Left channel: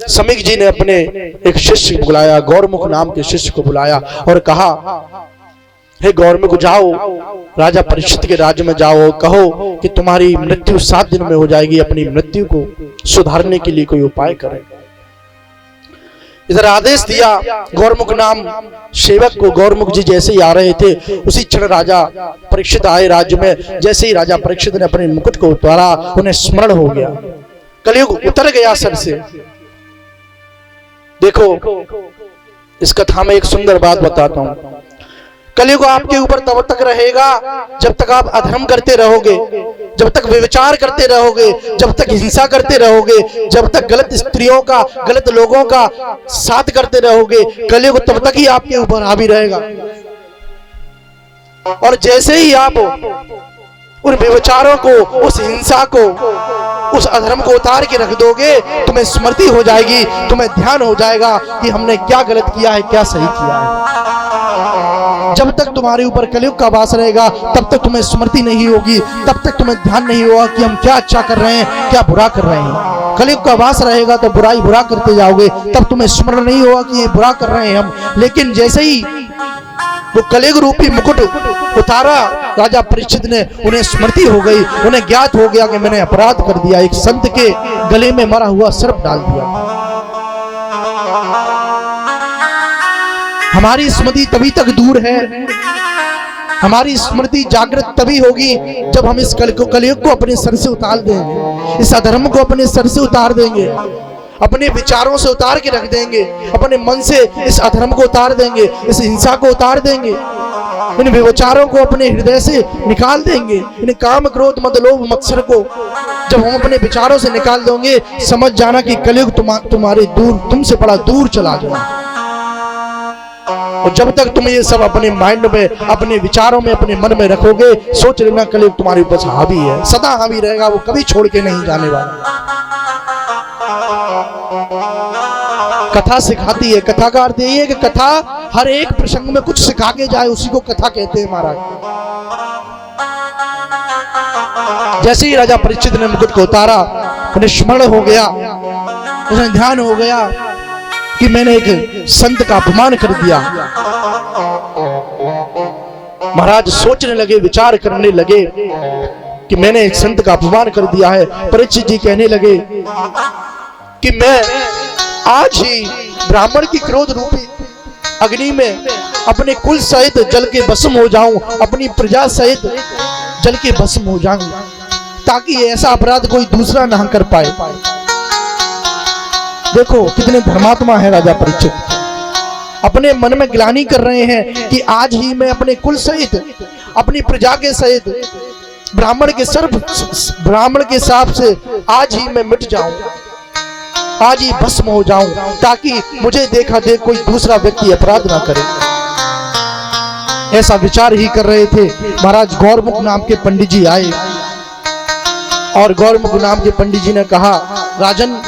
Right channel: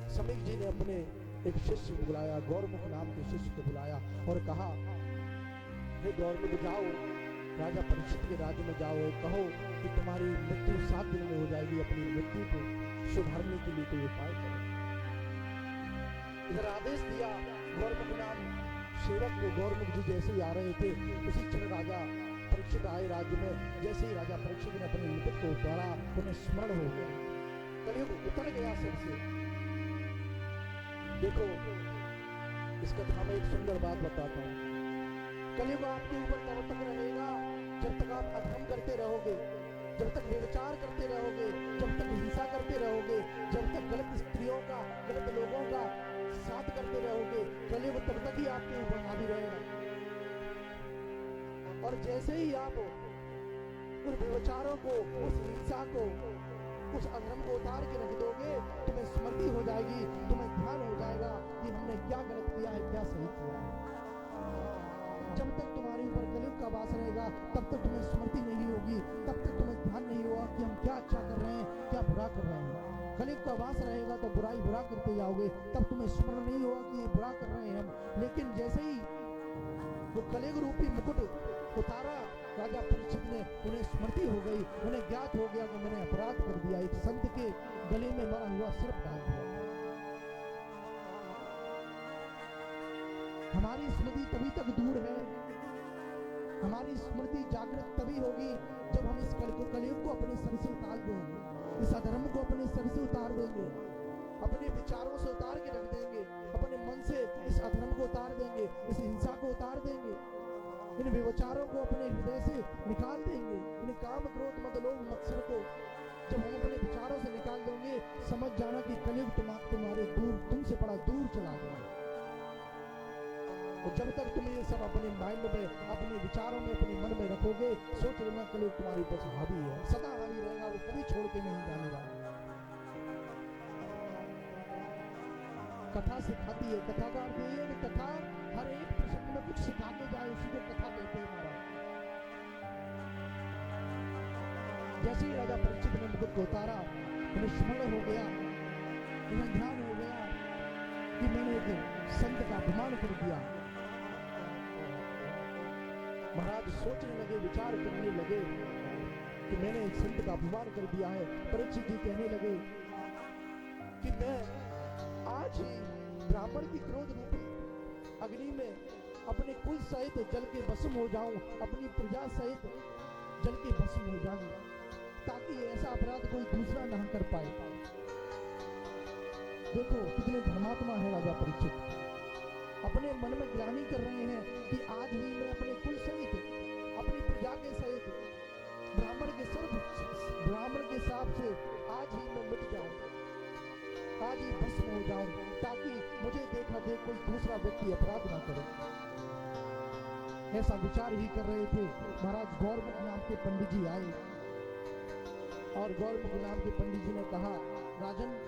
समीक जी ने अपने एक शिष्य को बुलाया, गौरमुख नाम के शिष्य को बुलाया और कहा, हे गौरमुख, जाओ राजा परीक्षित के राज्य में जाओ, कहो कि तुम्हारी मृत्यु 7 दिन में हो जाएगी, अपनी मृत्यु को सुधारने के लिए कोई उपाय करें। इधर आदेश दिया गौरमुख नाम सेवक को। गौरमुख जी जैसे ही आ रहे थे उसी क्षण राजा परीक्षित आए राज्य में। जैसे ही राजा परीक्षित ने अपने मुकुट को उतारा, उन्हें स्मरण हो गया, कलयुग उतर गया सर से। देखो, इस कथा में एक सुंदर बात बताता हूं। कलयुग आपके ऊपर तब तक रहेगा जब तक आप अधर्म करते रहोगे, जब तक व्यभिचार करते रहोगे, जब तक हिंसा करते रहोगे, जब तक गलत स्त्रियों का, गलत लोगों का साथ करते रहोगे, कलयुग तब तक ही आपके ऊपर हावी रहेगा। और जैसे ही आप उन व्यभिचारों को, उस हिंसा को, उस अधर्म को उतार के रख दोगे, तुम्हें स्मृति हो जाएगी, तुम्हें ध्यान हो जाएगा कि हमने क्या गलत किया है, क्या सही किया है। जब तक तुम्हारे ऊपर कलयुग का वास रहेगा तब तक तुम्हें स्मृति नहीं होगी, तब तक तुम्हें ध्यान नहीं होगा कि हम क्या अच्छा कर रहे हैं, क्या बुरा कर रहे हैं। कलयुग का वास रहेगा तो बुराई बुरा करते जाओगे, तब तुम्हें स्मरण नहीं होगा कि ये बुरा कर रहे हैं हम। लेकिन जैसे ही वो कलयुग रूपी मुकुट उतारा राजा परीक्षित ने, उन्हें स्मृति हो गई, उन्हें ज्ञात हो गया कि मैंने अपराध कर दिया, एक संत के गले में मरा हुआ सर्प डाल दिया। हमारी स्मृति तभी तक दूर है, हमारी स्मृति जागृत तभी होगी जब हम इस कलयुग को अपने सर से उतार देंगे, इस अधर्म को अपने सर से उतार देंगे, अपने विचारों से उतार के रख देंगे, अपने मन से इस अधर्म को उतार देंगे, इस हिंसा को उतार देंगे, इन विचारों को अपने हृदय से निकाल देंगे, इन काम क्रोध मद लोभ मत्सर को जब हम अपने विचारों से निकाल देंगे, समझ जाना कि कलयुग तुम्हारे दूर, तुमसे बड़ा दूर चला जाएगा। और जब तक तुम ये सब अपने माइंड में, अपने विचारों में, अपने मन में रखोगे, सोच लेना कलयुग तुम्हारे ऊपर हावी है, सदा हावी रहेगा, वो कभी छोड़ के नहीं जाने वाला। कथा सिखाती है, कथा का अर्थ यही है कि कथा हर एक प्रसंग में कुछ सिखा के जाए, उसी को कथा कहते हैं महाराज। जैसे ही राजा परीक्षित ने मुकुट को उतारा, उन्हें स्मरण हो गया, उन्हें ध्यान हो गया कि मैंने एक संत का अपमान कर दिया। महाराज सोचने लगे, विचार करने लगे कि मैंने एक संत का अपमान कर दिया है। परीक्षित जी कहने लगे कि मैं आज ही ब्राह्मण की क्रोध रूपी अग्नि में अपने कुल सहित जल के भस्म हो जाऊं, अपनी प्रजा सहित जल के भस्म हो जाऊं, ताकि ऐसा अपराध कोई दूसरा ना कर पाए। देखो कितने धर्मात्मा है राजा परीक्षित, अपने मन में ग्लानि कर रहे हैं कि आज ही मैं अपने कुल सहित, अपनी प्रजा के सहित, ब्राह्मण के शाप से आज ही मैं मिट जाऊं, आज ही भस्म हो जाऊं, ताकि मुझे देखा देख कोई दूसरा व्यक्ति अपराध ना करे। ऐसा विचार ही कर रहे थे। महाराज गौरमुख नाम के पंडित जी आए और गौरमुख नाम के पंडित जी ने कहा, राजन